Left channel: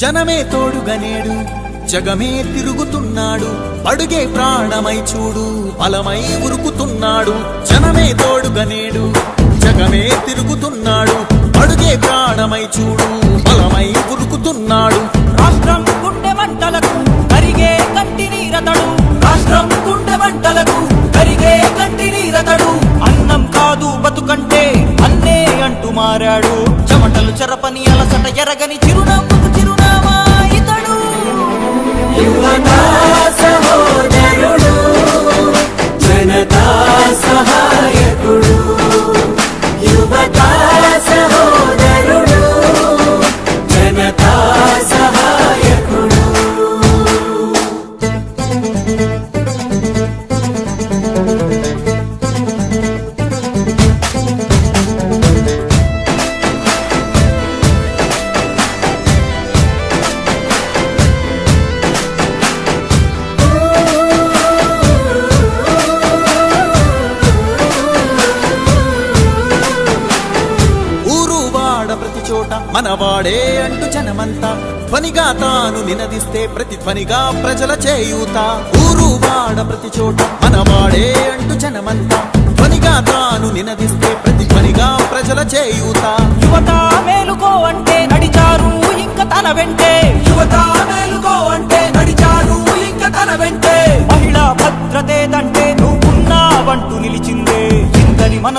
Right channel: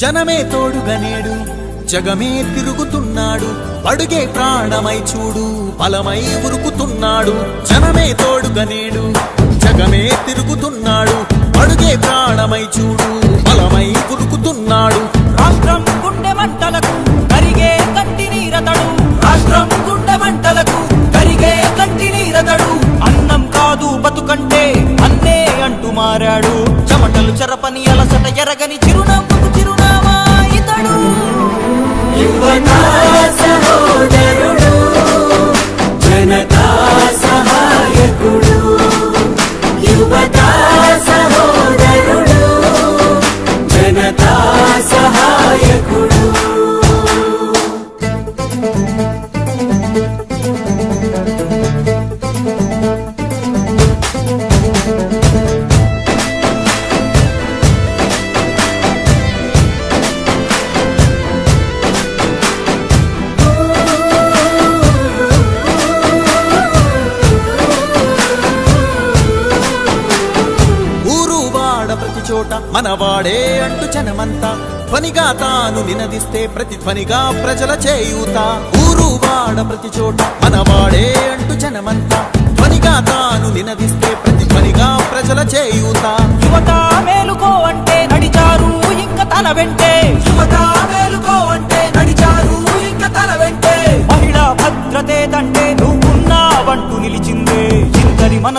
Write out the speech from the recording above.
జనమే తోడుగనేడు జగమే తిరుగుతున్నాడు, అడుగే ప్రాణమై చూడు బలమై ఉరుకుతున్నాడు. జనమే తోడుగనేడు జగమే తిరుగుతున్నాడు, అడుగే ప్రాణమై చూడు బలమై ఉరుకుతున్నాడు. రాష్ట్రం గుండె మంటలకు కరిగే కంటి నీరతడు, రాష్ట్రం గుండె మంటలకు కరిగే కంటి నీరతడు. అన్నం కాదు బతుకంటే అన్నే అంటూ మారాడు, చెమటలు చెరపని అలసట ఎరగని చిరునవ్వుకు చిరునామా ఇతడు. యువతా సహోదరుడు, జనతా సహాయకుడు. యువతా సహోదరుడు, జనతా సహాయకుడు. ప్రతి చోట మనవాడే అంటూ జనమంతా ధ్వనిగా తాను నినదిస్తే ప్రతిధ్వనిగా ప్రజల చేయూత. ఊరు వాడ ప్రతి చోట మనవాడే అంటూ జనమంతా ధ్వనిగా తాను నినదిస్తే ప్రతిధ్వనిగా ప్రజల చేయూత. యువత మేలుకో అంటే నడిచారు ఇంక తన వెంటే, యువత మేలుకో అంటే నడిచారు ఇంక తన వెంటే. మహిళా భద్రతేదంటే నువ్వున్నావంటూ నిలిచిందే ఇందరి మనసు